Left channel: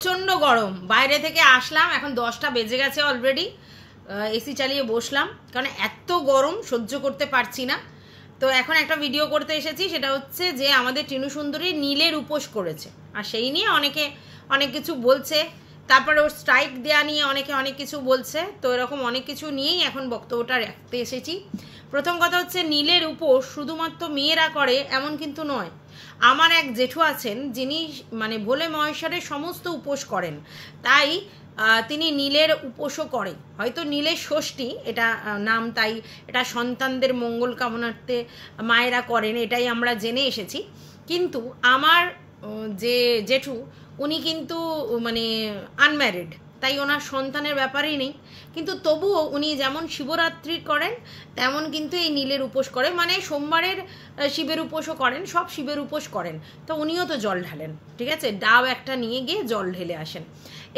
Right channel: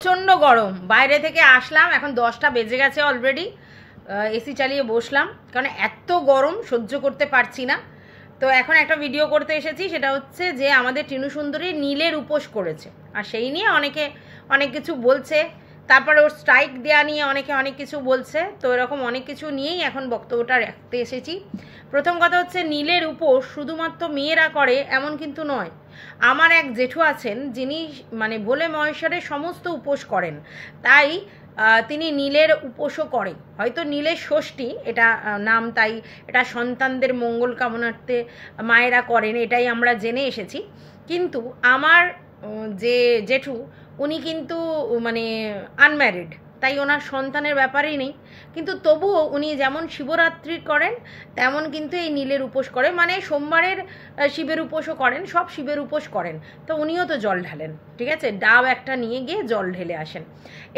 প্রচণ্ড গরম, বাইরে থেকে আসলাম, এখন 10টা বেজে গেছে অলরেডি। এসি চালিয়ে বসলাম কারণ এত গরম সহ্য করতে পারছি না। তো এখন একটা ভিডিও করতে এসেছি, সেটা হচ্ছে যে আমাদের টিনু সুন্দরী নীলের উপোস করেছে, আর সেই নিয়ে অনেকে অনেক কিছু বলছে। তারপরে ওর স্ট্রাইক দেওয়া নিয়ে অনেকে অনেক কিছু বলছে। তো এরকম অনেক কিছু নিয়েই এখন বক্তব্যটা রাখতে এসেছি। প্রথম কথা হচ্ছে, নীলের উপোস শুধুমাত্র মেয়েরা করে এমন কিন্তু নয়। আমার এক জেঠু আছেন যিনি মানে ভোলে মহেশ্বরের সমস্ত উপোস করেন, তাই তিনি নীলের উপোসও করেন। হয়তো নীলের ষষ্ঠী এটা নাম, তাই এটা সন্তানদের মঙ্গল কামনার্থে মায়েরা করেন, এটাই আমরা জেনে এসেছি। কিন্তু আমার যে জেঠু, উনি কিন্তু মানে আনম্যারিড, তাই ওনার সন্তানের ব্যাপারেই নেই। কিন্তু তবুও উনি যেমন শিবরাত্রি করেন তেমন কিন্তু এই নীলের উপোস করে, মানে সোমবারের শিবের উপোসও করেন, সব শিবের উপোস করেন। তো উনিও তো জল ঢালেন, ঠিক আছে, ডাব একটা নিয়ে গিয়ে জল ঢেলে আসেন।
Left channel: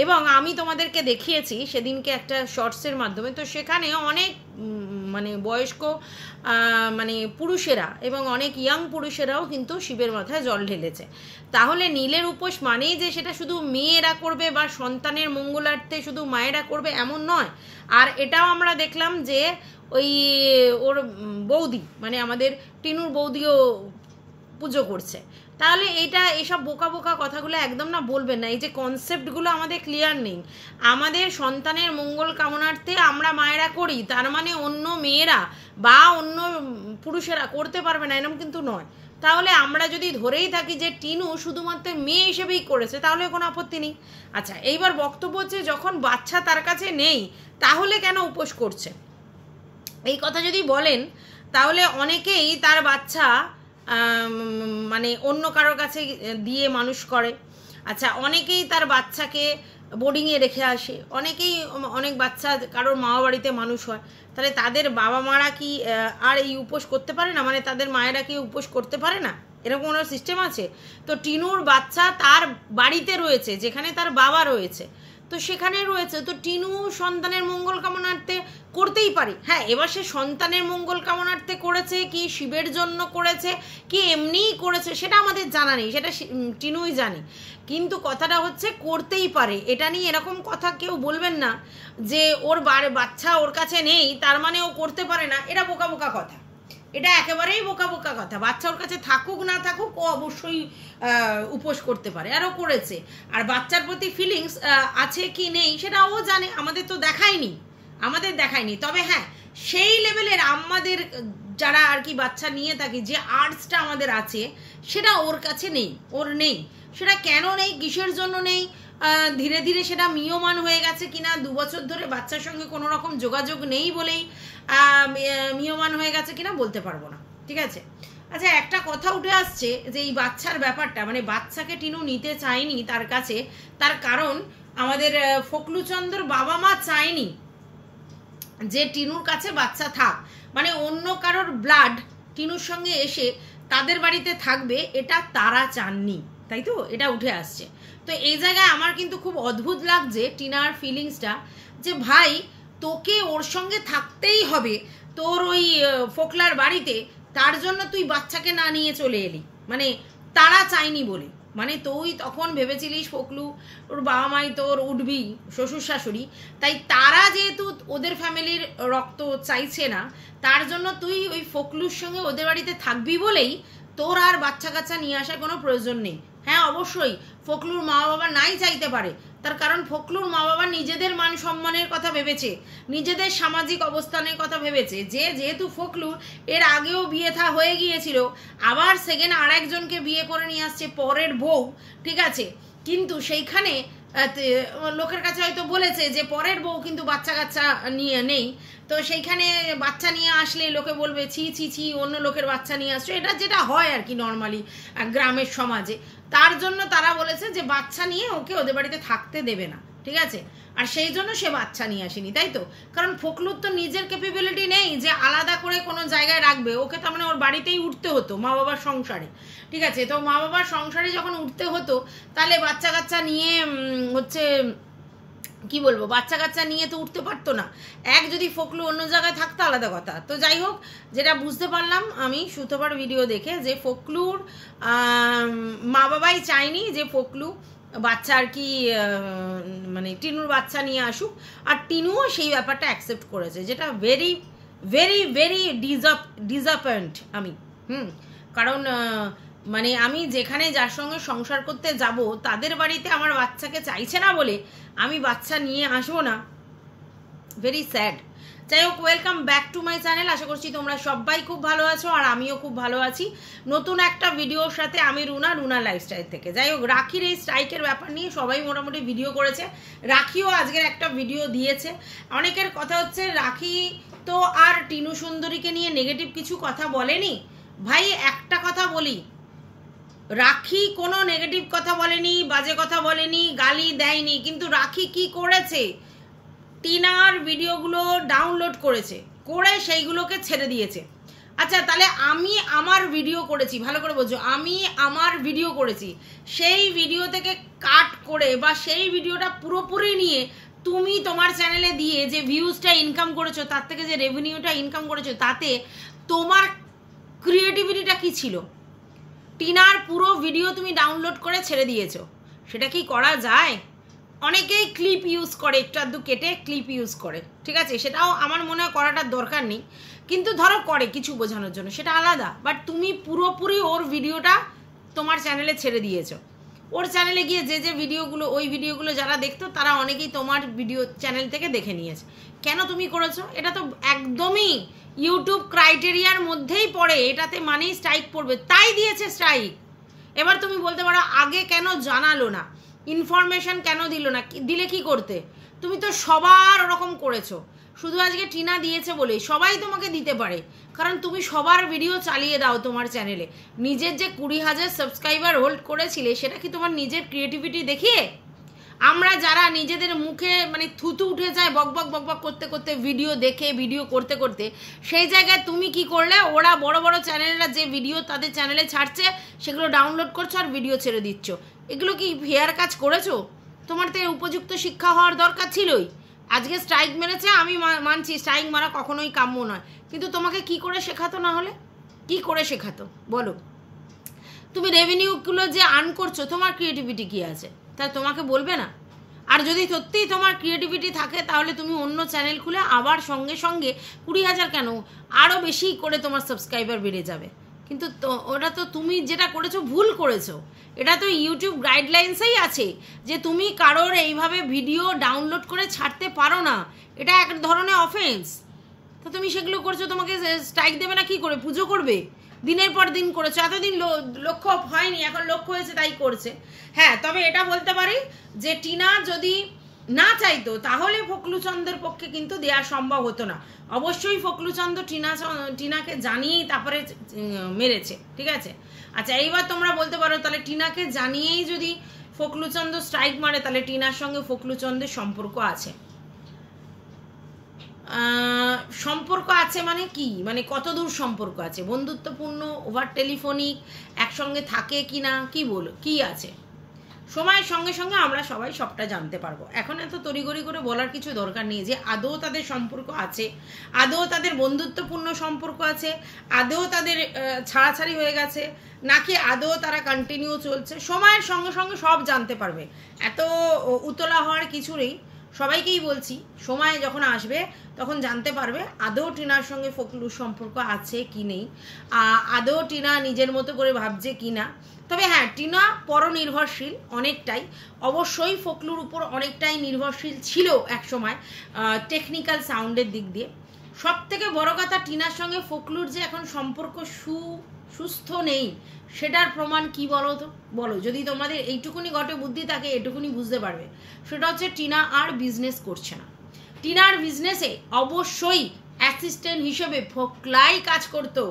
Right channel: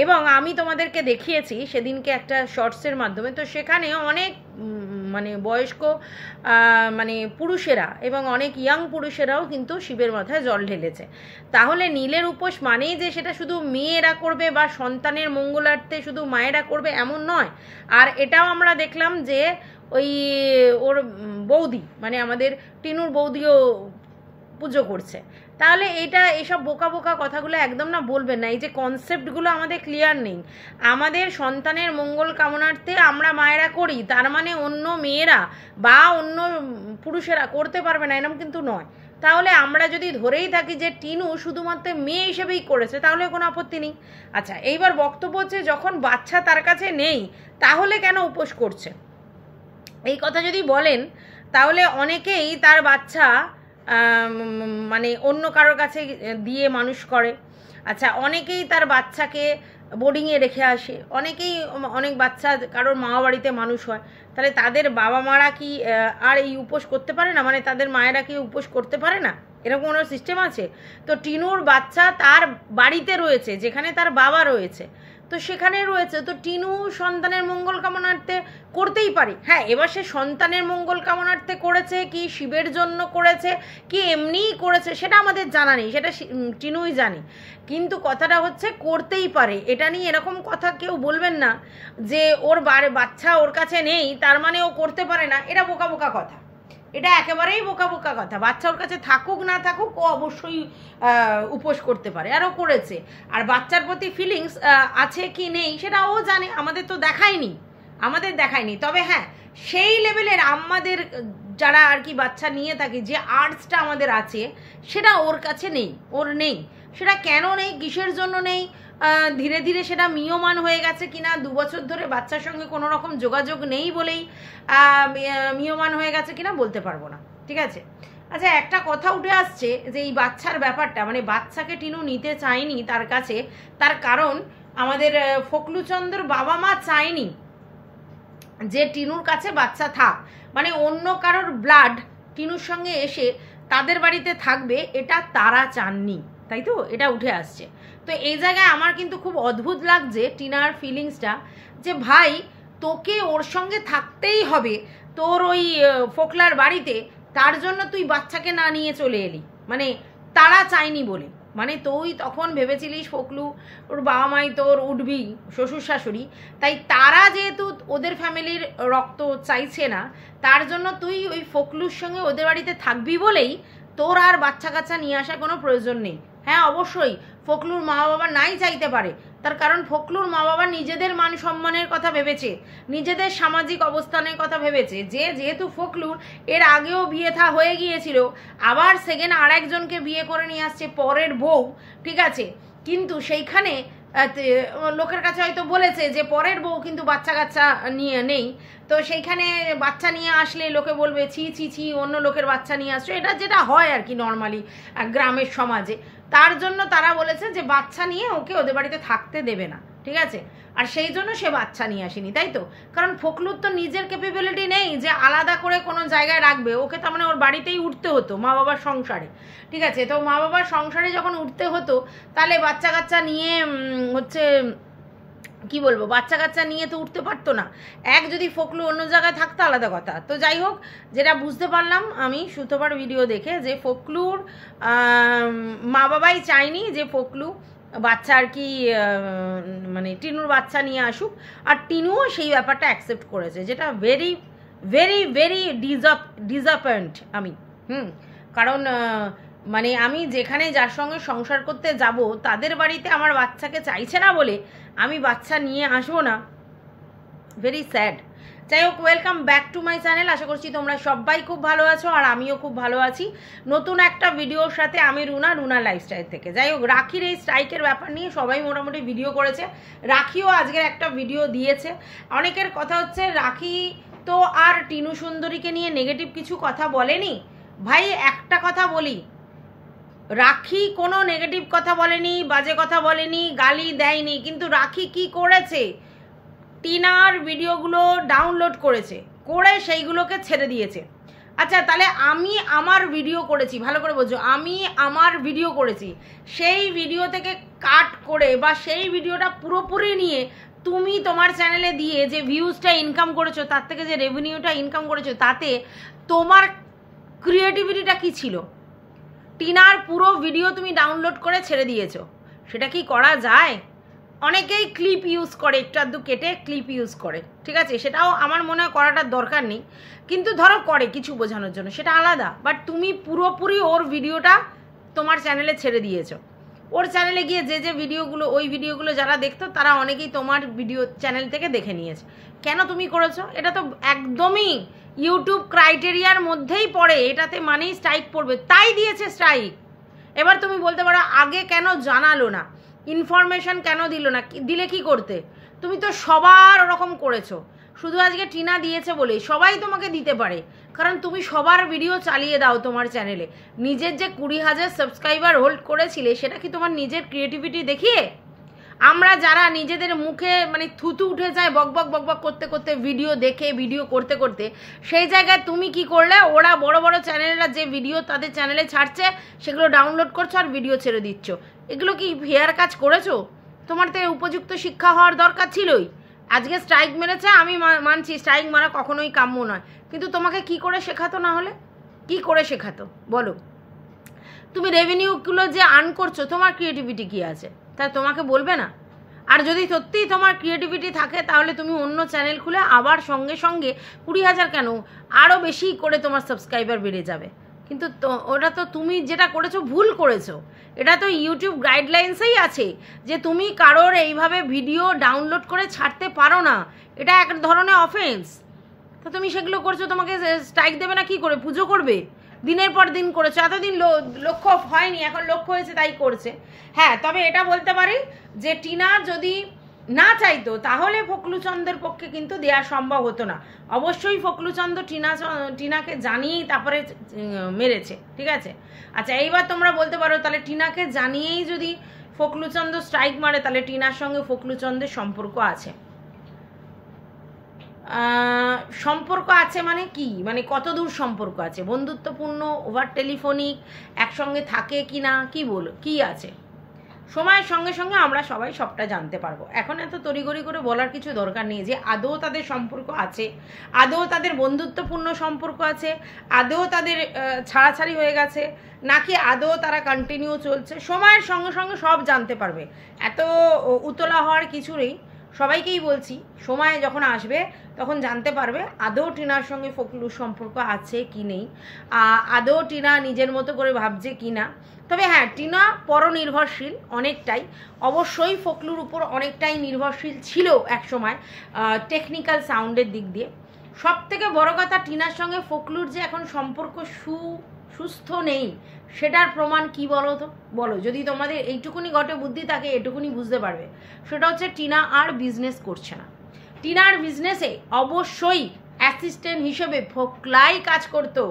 এবং আমি তোমাদেরকে দেখিয়েছি সেদিনকে একটা শর্টসের মাধ্যমে, তো সেখানে অনেক মানে বয়স্ক মানে পুরুষেরা এবং অনেক ইয়াং পুরুষেরাও কিন্তু শিবের মাথায় জল ঢেলেছে। তাহলে নীলের উপোস মানেই যে সেটা শুধু মেয়েরা করবে বা সন্তানের মঙ্গলার্থে শুধু মায়েরা করবে এমন নয়। আর এটাও আমরা দেখলাম যে ওই ওর বৌদি, মানে আমাদের টিনুর বৌদিও পুজো করছে। তাহলে এইসব বোকা বোকা কথাগুলো একদম না বলবেন না। এই যে কনসেপ্টগুলো আমাদের ক্লিয়ার নেই। আমাদের সন্তানের মঙ্গল কামনার্থে আমরা মায়েরা করি, তার মানে অন্য মেয়েরা বা অন্য পুরুষেরা করতে পারবে না এরকম কিন্তু নয়। তাহলে আমরা যদি ধরেই থাকি যে টিনু শুধুমাত্র মেয়ে হিসেবেই করেছে, তাহলে কোনো আপত্তি নেই। আচ্ছা, এইবার বক্তব্য হচ্ছে, যখন বাচ্চা তার কাছে নেই তাহলে কেন উপোস করছে, এই কথা যদি বলেন, তাহলে অনেকেই তার বাচ্চা মানে অন্য কারোর কাছে দিয়ে মানুষ করে। আচ্ছা, অনেকেই তার বাচ্চাকে বোর্ডিংয়ে রেখে আসে, অনেক বাচ্চা কারোর মামা বাড়িতে মানুষ হয়। তাহলে তাদের বাবা মারা কি আর এই উপোস করতে পারে না? মানে তাদের মায়েরা কি উপোস করতে পারে না? এরকম কোনো সিস্টেম আছে? তো টিনুর বাচ্চা তার বাড়িতে রয়েছে, যেখানে তার বাবা রয়েছে, তো সেখানে রয়েছে, তো টিনু সন্তানের মঙ্গল কামনার্থে করতেই পারে। হ্যাঁ, এবার সে সন্তানের মঙ্গল কামনার্থে করেছে কি শিবের জন্য করেছে কি এমনিই করেছে সেটা আমাদের জানা নেই, সেটা টিনুই জানে। কিন্তু কথাটা হচ্ছে করতেই পারে, এটা নিয়ে এরকম কথা কেউ বলবেন না যে ওর বাচ্চা ওর কাছে নেই তার মানে ও করতে পারে না। এটা বোকা বোকা কথা, এটা একেবারেই বোকা বোকা কথা। বাচ্চা ওর কাছে থাকুক না থাকুক, ও অবশ্যই উপোস করতে পারে, আর ও করেছে। আর বাচ্চার প্রতি ফিলিংস আছে কি নেই সেটা ও জানে, আমাদের তো দেখায়নি। তবে হ্যাঁ, সেই লেভেলের আমাদের যারা আর কি বাচ্চা নিয়ে থাকি, যে আর্টসটা আমাদের আছে সেটা ওর কাছে নেই, ওর নেই। সেটা কেন নেই, কিসের জন্য নেই, ধীরে ধীরে সেটা মিয়মান হয়ে গেছে কিনা, 2 বছর ধরে বাচ্চার সঙ্গে কোনো রকম যোগাযোগ নেই বলেই মিয়মান হয়ে গেছে কিনা বলতে পারবো না, ঠিক আছে। আচ্ছা, একটা কথা উঠে আসছে যে এই বাচ্চার ব্যাপারটা, মানে বাচ্চাকে টিনু নিতে চায়নি তার কাছে, তার কারণ আমাদের ফকলুচন্দ্রর বাবা মা চায়নি যে টিনুর কাছে বাচ্চা থাক, মানে অন্য কারোর ব্লাড টিনুর সঙ্গে এসে তাদের বাড়িতে থাকবে, এটা তারা চাননি, তাই তো, এটা উঠে আসছে। তো এই জায়গায় আমার কিন্তু খুব অদ্ভুত লাগছে টিনার ফিলিংসটা, যে ভাই তোকে ওর সঙ্গে থাকতেই হবে তোর ওই ফোকলার বাড়িতে, তার জন্য তুই বাচ্চাকে না নিয়ে চলে এলি, মানে তারা চাইনি বলে। মানে তুই তখন ভেবেছিলিস ফোকলু ওর বাবা মাই তোর উঠবি, শ্বশুর শাশুড়ি, তাই তারা যেহেতু ওদের ফ্যামিলির রক্ত চাইছে না, তার জন্য তুই ওই ফোকলুর সঙ্গে ওদের বাড়িতে থাকবি বলেই তোর আর বাচ্চা কাচ্চা নিয়ে আসার কোনো প্রয়োজন নেই। হ্যাঁ, অবশ্যই ফোকলুর মা বাবা নাই চাইতে পারে, তার কারণ ফোকলুর মা বাবা নিজেদের মান সম্মানের কথা ভেবেছে, নিজেদের সামাজিক অবস্থানের কথা ভেবেছে, যে যেহেতু ফোকলুর এর আগেও বিয়ে হয়ে গিয়েছিল, আবার সেকেন্ড আর একজনকে বিয়ে করে নিয়ে আসছে পরের বউ, ঠিক আছে, কিন্তু সেইখানে লোকের কাছে হয়তো বলেছে যে পরের বউ কিন্তু বাচ্চা কাচ্চা নিয়ে নেই, তো সেইখানে বাচ্চা নিয়ে আসলে লোকে বলবে ছি ছি ছি, অন্য লোকের বাচ্চা নিয়ে আসছে, এটা যেটা হয় আর কি নর্মালি গ্রামের সমাজে। তার জন্য তারা বলেছে যে বাচ্চা নিয়ে ওকে ওদের বাড়িতে থাকতে দেবে না, ঠিক আছে। আর সেই জন্য সে বাচ্চা নিয়ে আসেনি, তাই তো, কারণ ফোকলুর তো নিজের ক্যাপাবিলিটি নেই যে আলাদা করে কোনো জায়গায় রাখবে ওকে, তার মানে ওর বাড়িতেই উঠতে হতো মা বাবার সংসারে, ঠিক আছে। তো মা বাবার সংসারে যখন উঠতে হতো, তাহলে বাচ্চা কাচ্চা নিয়ে হচ্ছে কি বলবো, বাচ্চা কাচ্চা নিয়ে তো উঠতে পারতো না। যদি ফোকলু অন্য জায়গায় থাকতো আলাদা কথা। তো যাই হোক, যেটা বুঝতে পারলাম আমি সুতোবার ভিডিও দেখে, যে ফোকলুর মা বাবাই চায়নি যে ফোকলু বাচ্চা আর কি মানে টিনুর বাচ্চা নিয়ে আসুক, আর টিনুও সেই ব্যাপারটা অ্যাকসেপ্ট করেছে, যেটা ভেরি ভেরি ভেরি ডিসঅ্যাপয়েন্ট আমি। কারণ মানে আমি যেখানে যার সঙ্গে সংসার করতে যাব তাদের বাড়িতে আমার বাচ্চাকে চাইছে না বলে আমি বাচ্চা নিয়ে আসবো না, ভেরি স্যাড। যাই হোক, welcome back to my channel. আশা করছি তোমরা সবাই খুব ভালো আছো, আর আমিও খুব ভালো আছি নতুন একটা ভিডিওর সাথে। আমি রুনা লাইফস্টাইল থেকে। যাই হোক, রাখির এই স্ট্রাইকের ব্যাপার নিয়ে সবাই মোটামুটি ভিডিও করেছে, রাখিও আজকের একটা ভিডিও দিয়েছে। অনেকের কথা হচ্ছে রাখি তো আর টিনু সুন্দরীকে নিয়ে নেগেটিভ কিছু কথা বলেনি। ভাই একটা কথা বলি, রাখি কোনো নেগেটিভ কথা বলেনি, বাজে কথা বলেনি, গালি দেয়নি, কিন্তু রাখি কি করেছে, টিনার ভিডিওগুলো ডাউনলোড করেছে, করে সেইগুলোকে ছেড়ে দিয়েছে। আচ্ছা, তাহলে আমি আমার ভিডিও করেছি, ভালো করে বোঝো, আমি আমার ভিডিও করেছি, সেই ভিডিও থেকে কাট করে বা সেই ভিডিওটা পুরোপুরি নিয়ে তুমি তোমার চ্যানেলে দিয়ে যে ভিউজটা ইনকাম করেছো, তার থেকে যে রেভিনিউটা ইনকাম করেছো, তাতে তোমার ক্রিয়েটিভিটিটা কি ছিল? টিনার পুরো ভিডিও তুমি ডাউনলোড করে ছেড়ে দিয়েছো, সেটা কি করা যায়? অনেকেই ক্লিপ ইউজ করে, একটু আধটু কেটে ক্লিপ ইউজ করে, ঠিক আছে, সেটাও আমার মনে হয় করাটার দরকার নেই, কিন্তু ধরো করে কিছু বোঝানোর জন্য, সেটা আলাদা। বাট তুমি পুরোপুরি ওর ভিডিওটা তোমার চ্যানেলে ছেড়ে দিয়েছো। ওর চ্যানেলে গিয়ে যে ভিডিওগুলো, ওই ভিডিওগুলো যারা দেখতো তারা অনেকেই তোমার ভিডিও চ্যানেল থেকে দেখে নিয়েছে। কেন তুমি করেছো? এটা তো একদমই ইউটিউব ক্রাইটেরিয়ার মধ্যেই পড়ে, এটাতে মানেই স্ট্রাইক পড়বে, তাই দিয়েছে স্ট্রাইক। এবার তুমি বলতে পারো আগে কেন জানালো না, ইনফরমেশন কেন দিল না, দিলে কি করতে? তুমি তো সবার ওরকম করেছো, শুধু আজকে টিনা দিয়েছে বলে সবাই তোমাকে দিতে পারে, কারণ তুমি সবার ভিডিও চালিয়ে দাও তোমার চ্যানেলে। নিজের যে 20,000 সাবস্ক্রাইবার হোল্ড করেছিলে, সেটা কি তোমার নিজের ক্রিয়েটিভিটি দেখিয়ে? আমরা যারা নিজেদের মুখে মানে থুতু উঠে যায় বক বক করতে করতে, ভিডিও দেখে ভিডিও করতে করতে, সেই জায়গায় তুমি কি করলে, ওরা বড় বড় চ্যানেলরা যে ভিডিও তাদের চ্যানেলে ছাড়ছে সেগুলো ডাউনলোড করছো আর ভিডিও ছেড়ে দিচ্ছ। এগুলো কি ফেয়ার কাজ করেছো? তোমার তো উপযুক্ত শিক্ষা হওয়ার দরকার ছিলই। আজকে স্ট্রাইক মেরেছে, আমি মানছি স্ট্রাইক মারা কখনোই কাম্য নয়, কিন্তু তোমাকে কি করে শেখাতো? না হলে কি করে শেখাতো বলো? তুমি রেভিনিউগুলো যে আর্ন করছো, তোমার ক্রিয়েটিভিটি কি আছে, তাই তোমাকে বলবে না? আর যদি সত্যিই তোমার ক্রিয়েটিভিটি থাকে, তাহলে তুমি অন্য চ্যানেল খুলে আবার সঙ্গে সঙ্গে 20,000 কেন, আরও বেশি করে তোমার সাবস্ক্রাইবার বেড়ে যাবে। কিন্তু ওটা তো তুমি যেটা করেছো ভুল করেছো। এটা তো ইউটিউব গাইডলাইন্সেই আছে যে তুমি কারোর এইভাবে ভিডিও ডাউনলোড করে ছাড়তে পারো না, এটা এক ধরনের অফেন্স। তো তুমি সেগুলো করছো, তোমাকে স্ট্রাইক দেবে না কি করে? পুজো করবে? দিনের পর দিন করেছো, এতদিন লক্ষ্য হয়নি, এখন লক্ষ্য হয়েছে তাই করছে। হ্যাঁ, তবে এটা বলতে পারি যে টিনা যদি না চাইতো তাহলে ফকলুচন্দের পক্ষে কিন্তু দেওয়া সম্ভব হতো না। অবশ্যই ফকলুচন্দ টিনাকে জানিয়েই তারপরে মেরেছে, ঠিক আছে। আচ্ছা, এইবার তোমরা বলতে পারো তাহলে টিনাকে জানিয়েই যদি ফকলুচন্দ স্ট্রাইক মারে, তাহলে টিনার সঙ্গে ফকলুচন্দের সম্পর্ক আছে? সম্পর্ক আছে মানে কি, মানে কত দূর সম্পর্ক আছে? বন্ধুত্বপূর্ণ, ওভার টেলিফোনিক, একসঙ্গে থাকে কি না, কি বলো, কি আছে? সময়ের সঙ্গে সঙ্গে আমরা সবাই সবটা জানতে পারবো। এখন এত তড়িঘড়ি করে বলার কিছু দরকার নেই যে আদৌ তাদের সম্পর্ক আছে, আদৌ তাদের বন্ধুত্বপূর্ণ সম্পর্ক আছে, আদৌ তাদের ছাড়াছাড়ি হয়ে গেছে, নাকি আদৌ তারা কন্টিনিউ চলছে। সময়ের সঙ্গে সঙ্গে সব জানতে পারবে, এত উতলা হওয়ার কিছু নেই। সবাইকেই বলছি, সময় যখন আসবে তখন জানতে পারবে আদৌ টিনার সঙ্গে ফকলুর সম্পর্ক আছে কি নেই, আদৌ টিনা নিজের মতো করে ভাবছে কি না। তবে হ্যাঁ, টিনা পরনির্ভরশীল অনেকটাই, অবশ্যই ফকলুর উপর অনেকটাই নির্ভরশীল ছিল একসময় টেকনিক্যাল সাউন্ডের দিক দিয়ে। সব থেকে বড় কথা, টিনার সঙ্গে ফকলুর যে এখন সম্পর্ক সুস্থ নেই, সেটার প্রমাণ কি বলো তো? বলো, যদি তোমাদের এইটুকুনি ঘটে বুদ্ধি থাকে, এটুকুনি বুঝতে পারবে। সেটা হচ্ছে টিনা আর বিজনেস করছে না। টিনার বিজনেসে অবশ্যই অ্যাসিস্ট্যান্ট হিসেবে ফকলাই কাজ করতো।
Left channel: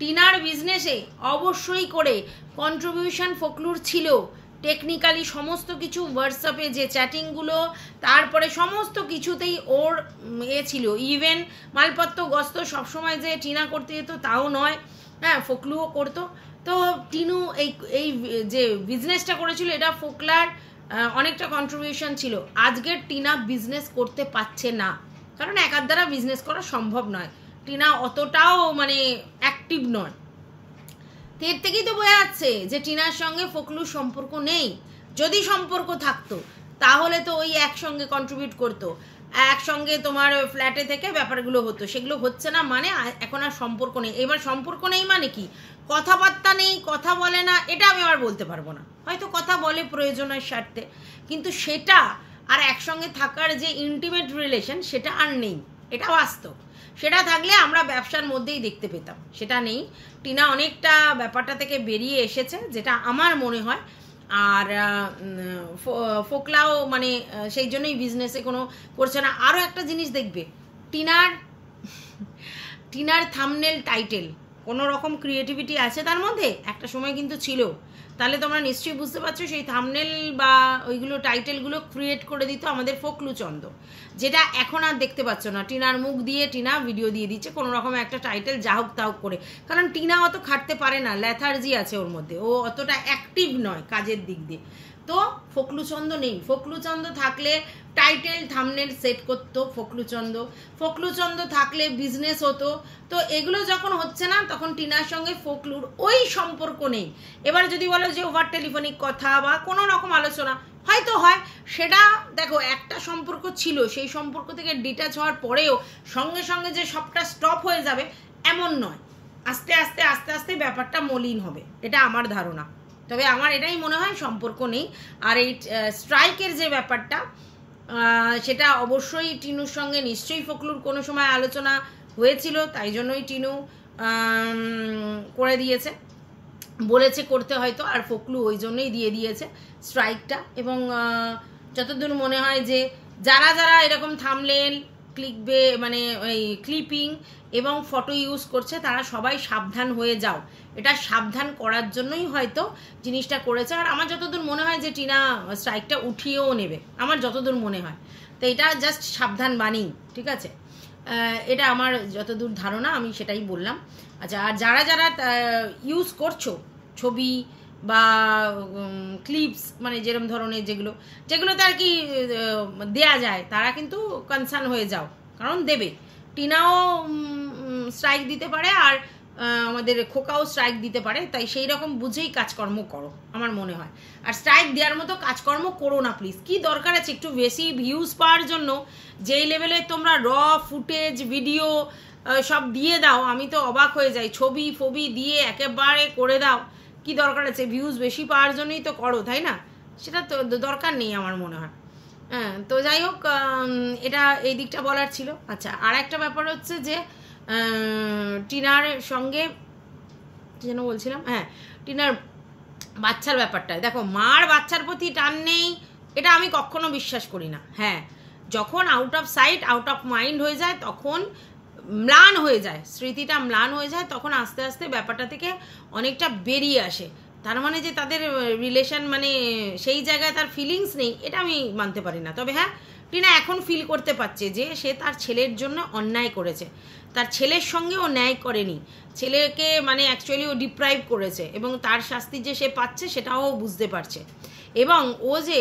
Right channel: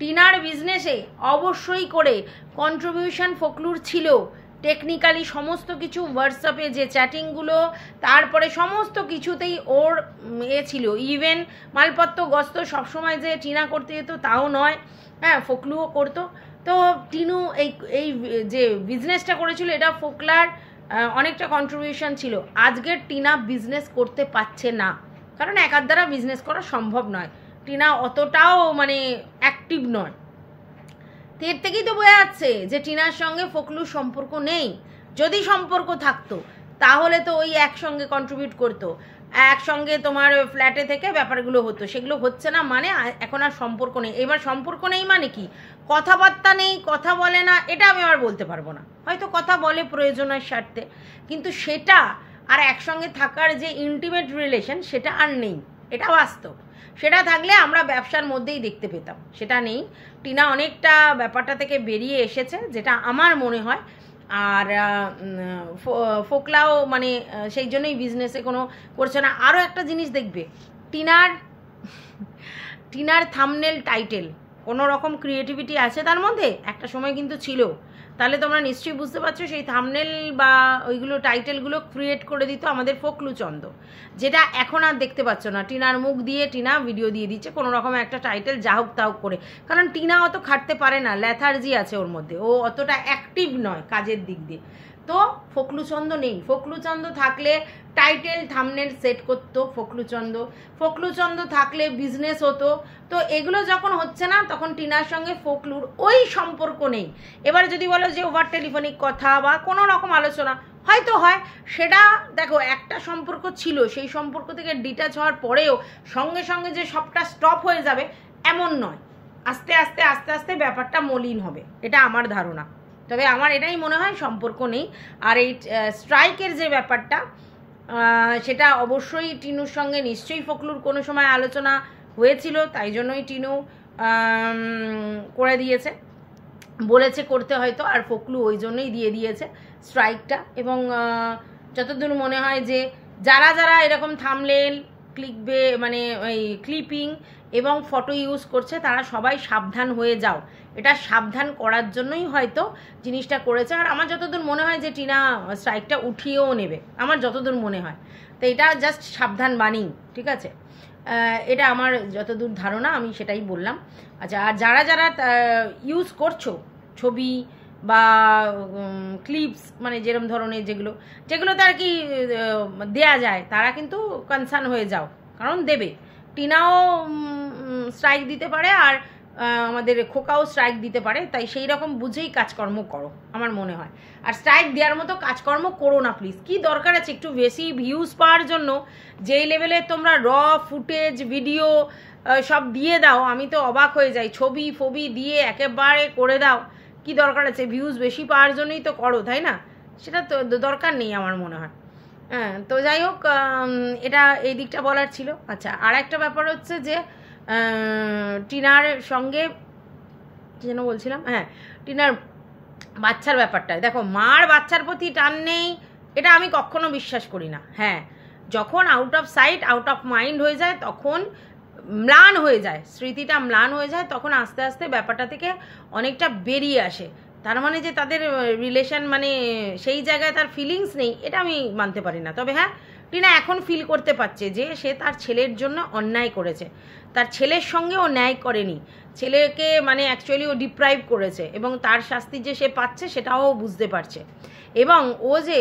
টিনার বিজনেসে অবশ্যই করে কন্ট্রিবিউশন ফকলুর ছিল, টেকনিক্যালি সমস্ত কিছু, হোয়াটসঅ্যাপে যে চ্যাটিংগুলো, তারপরে সমস্ত কিছুতেই ওর ছিল। ইভেন মালপত্র গস্ত সবসময় যে টিনা করতে যেত তাও নয়, হ্যাঁ, ফকলুও করতো। তো টিনু এই যে বিজনেসটা করেছিল, এটা ফকলার অনেকটা কন্ট্রিবিউশন ছিল। আজকের টিনা বিজনেস করতে পারছে না, কারণ একার দ্বারা বিজনেস করা সম্ভব নয়। টিনা অতটাও মানে অ্যাক্টিভ নয়। এর থেকেই তো বোঝা যাচ্ছে যে টিনার সঙ্গে ফকলুর সম্পর্ক নেই। যদি সম্পর্ক থাকতো তাহলে তো ওই একসঙ্গে কন্ট্রিবিউট করতো, একসঙ্গে তোমার ফ্ল্যাটে থেকে ব্যাপারগুলো হতো, সেগুলো হচ্ছে না, মানে এখন আর সম্পর্ক নেই। এবার সম্পর্ক নেই মানে কি, কথাবার্তা নেই, কথা বলে না, এটা আমি আর বলতে পারবো না, হয়তো কথা বলে প্রয়োজনের স্বার্থে, কিন্তু সেটা আর একসঙ্গে থাকার যে ইন্টিমেট রিলেশন সেটা আর নেই, এটা বাস্তব। সেটা থাকলে আমরা ব্যবসার মধ্যেই দেখতে পেতাম, সেটা নেই। টিনা অনেকটা ব্যাপারটা থেকে বেরিয়ে এসেছে যেটা আমার মনে হয়। আর ফোকলাও মানে সেই জন্যই বিজনেসে কোনো করছে না। আরও একটা জিনিস দেখবে, টিনার থাম্বনেল টাইটেল কোনো রকম ক্রিয়েটিভিটি আছে তার মধ্যে, একটা সময় কিন্তু ছিল, তাহলে তোমরা নিশ্চয়ই বুঝতে পারছো সেই থাম্বনেল বা ওইগুলো টাইটেলগুলো ক্রিয়েট করে দিত আমাদের ফোকলু চন্দ, যেটা এখন আর দেখতে পাচ্ছ না। টিনার মুখ দিয়ে টিনা ভিডিও দিয়ে দিচ্ছে কোনো রকম একটা টাইটেল যা হোক তা হোক করে, কারণ টিনা অত খাটতে পারে না, ল্যাথার্জি আছে ওর মধ্যে, ও অতটা অ্যাক্টিভ নয় কাজের দিক দিয়ে। তো ফোকলুচন্দ নেই, ফোকলুচন্দ থাকলে টাইটেল থাম্বনেল সেট করতো ফোকলুচন্দ থাকলে বিজনেস হতো। তো এগুলো যখন হচ্ছে না তখন টিনার সঙ্গে ফোকলুর ওই সম্পর্ক নেই। এবার যদি বলো যে ওভার টেলিফোনিক কথা বা কোনো রকম আলোচনা হয়তো হয়, সেটা দেখো একটা সম্পর্ক ছিল, সেই সম্পর্ক থেকে ডিটাচ হওয়ার পরেও সঙ্গে সঙ্গে যে সবটা স্টপ হয়ে যাবে এমন নয়, আস্তে আস্তে আস্তে আস্তে ব্যাপারটা মলিন হবে, এটা আমার ধারণা। তবে আমার এটাই মনে হয় সম্পর্ক নেই। আর এই স্ট্রাইকের যে ব্যাপারটা সেটা অবশ্যই টিনুর সঙ্গে নিশ্চয়ই ফোকলুর কোনো সময় আলোচনা হয়েছিল, তাই জন্যই টিনু করে দিয়েছে, বলেছে করতে হয়তো, আর ফোকলু ওই জন্যই দিয়ে দিয়েছে স্ট্রাইকটা। এবং যতদূর মনে হয় যে যারা যারা এরকম থাম্বনেল ক্লিকবে মানে ওই ক্লিপিং এবং ফটো ইউজ করছে তারা সবাই সাবধান হয়ে যাও, এটা সাবধান করার জন্যই হয়তো জিনিসটা করেছে। আর আমার যতদূর মনে হয় যে টিনা স্ট্রাইকটা উঠিয়েও নেবে, আমার যতদূর মনে হয়। তো এটা জাস্ট সাবধান বাণী, ঠিক আছে, এটা আমার যতদূর ধারণা আমি সেটাই বললাম। আচ্ছা, আর যারা যারা ইউজ করছো ছবি বা ক্লিপস মানে যেরকম ধরনের যেগুলোতে আর কি দেয়া যায়, তারা কিন্তু কনসার্ন হয়ে যাও, কারণ দেবে, টিনাও স্ট্রাইক দিতে পারে আর আমাদের খোকাও স্ট্রাইক দিতে পারে, তাই সেই রকম বুঝেই কাজকর্ম করো আমার মনে হয়। আর স্ট্রাইক দেওয়ার মতো কাজকর্ম করো না প্লিজ, কি দরকার আছে একটু বেশি ভিউজ পাওয়ার জন্য যেই লেভেলে তোমরা র ফুটেজ ভিডিও সব দিয়ে দাও, আমি তো অবাক হয়ে যাই, ছবি ফবি দিয়ে একেবারে করে দাও, কি দরকার আছে, ভিউজ বেশি পাওয়ার জন্যই তো করো, তাই না? সেটা তো দরকার নেই আমার মনে হয়। হ্যাঁ, তো যাই হোক, এটা এই দিকটা বলার ছিল। আচ্ছা, আর একটা ব্যাপার হচ্ছে যে টিনার সঙ্গে কি যেন বলছিলাম, হ্যাঁ, টিনার বাচ্চার ব্যাপারটায় দেখো, মার বাচ্চার প্রতি টান নেই এটা আমি কখনো বিশ্বাস করি না। হ্যাঁ, যখন out of sight out of mind হয়ে যায়, তখন ম্লান হয়ে যায়, স্মৃতিটা ম্লান হয়ে যায়, তখন আস্তে আস্তে ব্যাপারটা থেকে অনেকটা বেরিয়ে আসে। তার মানে যে তাদের রিলেশন মানে সেই জায়গায় তার ফিলিংস নেই, এটা আমি মানতে পারি না। তবে হ্যাঁ, টিনা এখন ফিল করতে পারছে যে সে তার ছেলের জন্য অন্যায় করেছে, তার ছেলের সঙ্গে ও ন্যায় করেনি, ছেলেকে মানে অ্যাকচুয়ালি ও ডিপ্রাইভ করেছে, এবং তার শাস্তি যে সে পাচ্ছে সেটাও বুঝতে পারছে। এবং ও যে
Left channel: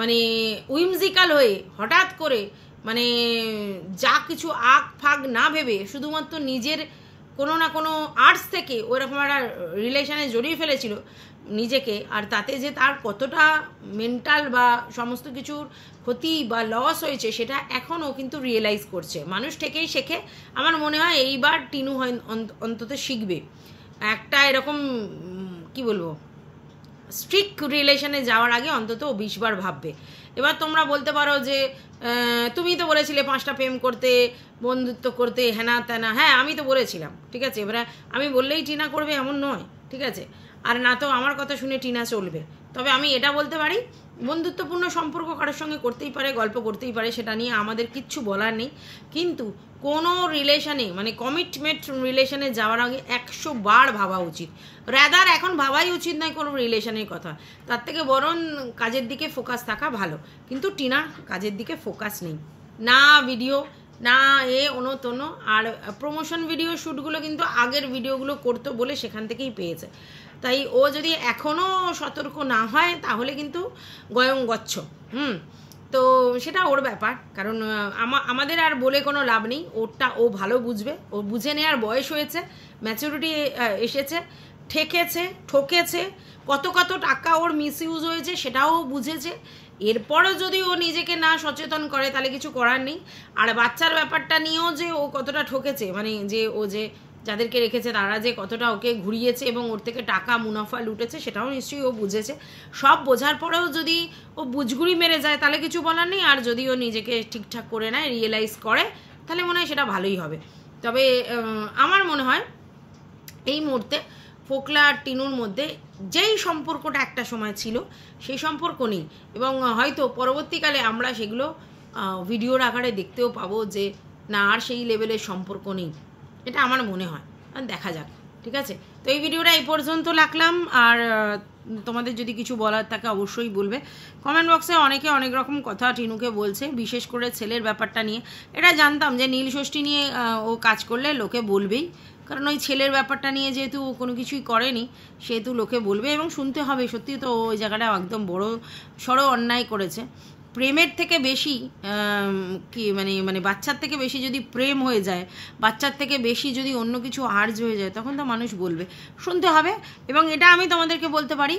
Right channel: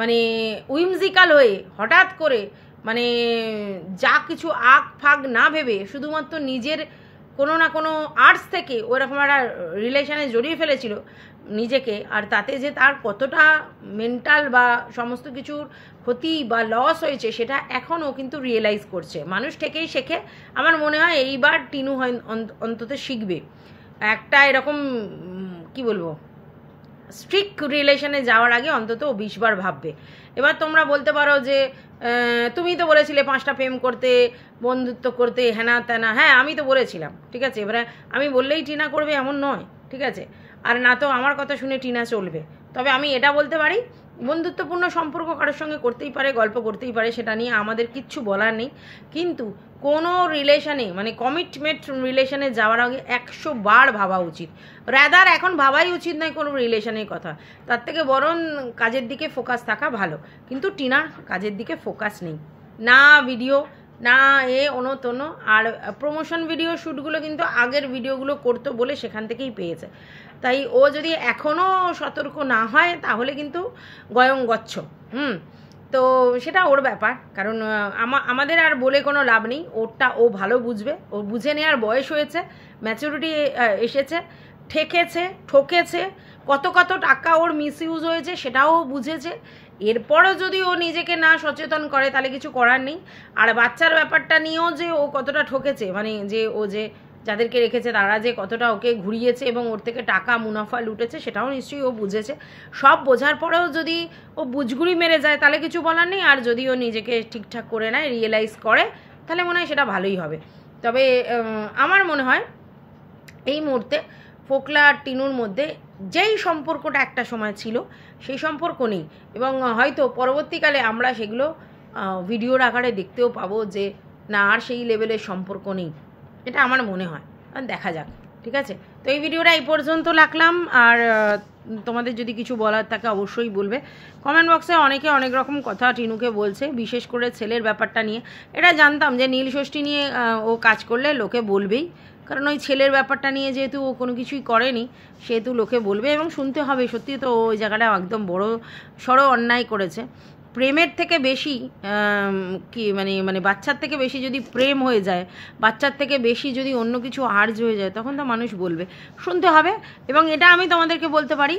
মানে উইমজিক্যাল হয়ে হঠাৎ করে মানে যা কিছু আগ ফাগ না ভেবে শুধুমাত্র নিজের কোনো না কোনো আর্টস থেকে ওরকম একটা রিলেশনে জড়িয়ে ফেলেছিল নিজেকে, আর তাতে যে তার কতটা মেন্টাল বা সমস্ত কিছুর ক্ষতি বা লস হয়েছে সেটা এখনও কিন্তু রিয়েলাইজ করছে। মানুষ থেকেই শেখে, আমার মনে হয় এইবার টিনু হয় অন্তত শিখবে, একটা এরকম কি বলবো স্ট্রিক্ট রিলেশনে যাওয়ার আগে অন্তত 20 বার ভাববে। এবার তোমরা বলতে পারো যে তুমি তো বলেছিলে 5টা প্রেম করতে, বন্ধুত্ব করতে, হ্যানা ত্যানা, হ্যাঁ আমি তো বলেছিলাম, ঠিক আছে, এবারে আমি বললেই টিনা করবে এমন নয়, ঠিক আছে, আর না তো আমার কথা শুনে টিনা চলবে। তবে আমি এটা বলতে পারি, বন্ধুত্বপূর্ণ সম্পর্ক কারোর সঙ্গে করতেই পারে, গল্প করতেই পারে, সেটা নিয়ে আমাদের কিচ্ছু বলার নেই, কিন্তু কোনো রিলেশনে মানে কমিটমেন্ট রিলেশনে যাওয়ার আগে 100 বার ভাবা উচিত। রাদার এখন ভাবাই উচিত নয় কোনো রিলেশনের কথা, তার থেকে বরং কাজের দিকে ফোকাস থাকা ভালো। কিন্তু টিনা কাজের দিকে ফোকাস নেই, না ভিডিও না তনো, আর প্রমোশন ভিডিও শ্যুটগুলো কিন্তু আগের ভিডিওগুলো করতো বলে সেখান থেকেই পেয়েছে। তাই ও যদি এখনও সতর্ক না হয় তাহলে কিন্তু গয়ং গচ্ছ। তো সেটা ওর ব্যাপার, কারণ আমাদের আর বলে কোনো লাভ নেই, ওরটা ও ভালো বুঝবে, ও বুঝে নেওয়ার বয়স হয়েছে, ম্যাচুরিটি এসেছে, ঠকেছে কত কত টাকা ওর মিসইউজ হয়েছে সেটাও বুঝেছে। এরপরও যদি ও নিজেকে না সচেতন করে তাহলে কিছু করার নেই। আর বাচ্চার ব্যাপারটা নিয়েও যে ও কতটা ঠকেছে, মানে যে ও যে যাদেরকে রেখেছে তারা যে কতটা ওকে ঘুরিয়েছে এবং ওর থেকে টাকা মুনাফা লুটেছে সেটাও নিশ্চয়ই ও বুঝেছে। সব বোঝার পরেও যদি ও বুঝগুড়ি মেরে যায় তাহলে কিছু বলার নেই। আর যদি ও নিজেকে ঠিকঠাক করে নেয়, রিয়েলাইজ করে, তাহলে মনে হয় সেটা ভালোই হবে। তবে আমার মনে হয় এই মুহূর্তে ফোকলা আর টিনুর মধ্যে যেই সম্পর্কটা একটা সময় ছিল সেই সম্পর্ক নেই। এবং হয়তো পরবর্তীকালে আমরা সেগুলো ভিডিওর আকারে দেখতেও পাবো যে না আর সেই লেভেলের সম্পর্ক নেই, এটা আমার মনে হয়। দেখা যাক, ঠিক আছে? তো এই ভিডিওটা এই পর্যন্ত রাখলাম। আর তোমাদের যদি কিছু বলার থাকে অবশ্যই বলবে। কমেন্ট বক্সে অনেকে অনেক রকম কথা টিনুকে বলছে, বিশেষ করে ছেলের ব্যাপারটা নিয়ে। এটা জানতাম যে নীল ষষ্ঠী নিয়ে ও কাজ করলে লোকে বলবেই, কারণ ওই ছেলের ব্যাপারটা নিয়ে যেহেতু ও কোনো কিছুই করেনি সেহেতু লোকে বলবে এবং শুনতে হবে। সত্যি তো ওই জায়গাটা একদম বড় সড়ো অন্যায় করেছে। প্রেমের থেকে বেশি কি মানে বাচ্চার থেকে বেশি যদি প্রেম হয়ে যায়, বাচ্চার থেকে বেশি যদি অন্য কিছু আর্জ হয়ে যায়, তখন তো মানুষ বলবে, শুনতে হবে। এবং এটা আমি তোমাদেরকে বলতে পারি,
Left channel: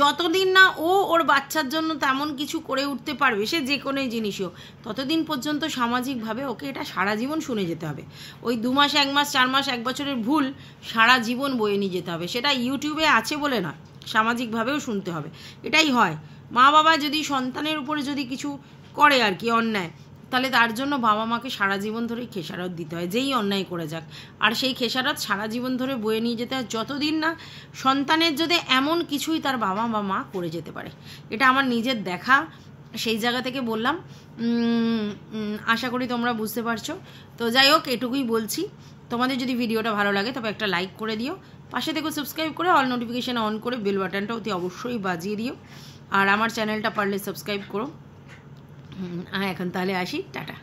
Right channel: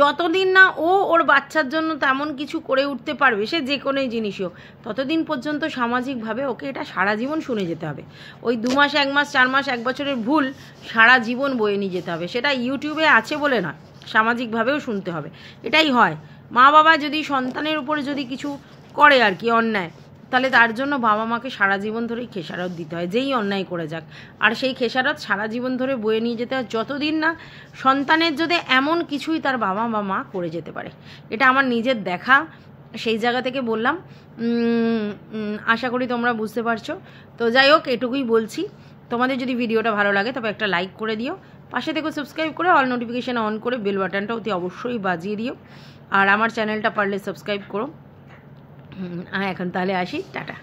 যতদিন না ও ওর বাচ্চার জন্য তেমন কিছু করে উঠতে পারবে, সে যে কোনো জিনিসই হোক, ততদিন পর্যন্ত সামাজিকভাবে ওকে এটা সারা জীবন শুনে যেতে হবে। ওই 2 মাস 1 মাস 4 মাস 1 বছরের ভুল সারা জীবন বয়ে নিয়ে যেতে হবে। সেটা ইউটিউবে আছে বলে না, সামাজিকভাবেও শুনতে হবে। এটাই হয়। মা বাবা যদি সন্তানের উপরে যদি কিছু করে আর কি অন্যায়, তাহলে তার জন্য বাবা মাকে সারা জীবন ধরেই খেসারত দিতে হয়, যেই অন্যায় করে যাক। আর সেই খেসারত সারা জীবন ধরে বয়ে নিয়ে যেতে হয়, যতদিন না সন্তানের যদি এমন কিছুই তার বাবা বা মা করে যেতে পারে। এটা আমার নিজের দেখা, সেই জায়গা থেকে বললাম। আশা করি তোমরা বুঝতে পারছো। তো যাই হোক, এটুকুই বলছি। তোমাদের যদি ভিডিওটা ভালো লাগে তবে একটা লাইক করে দিও, পাশে থেকে সাবস্ক্রাইব করে অল নোটিফিকেশান অন করে বেল বাটনটা অতি অবশ্যই বাজিয়ে দিও। আর আমার চ্যানেলটা পারলে সাবস্ক্রাইব করো। এখন তাহলে আসি, টাটা।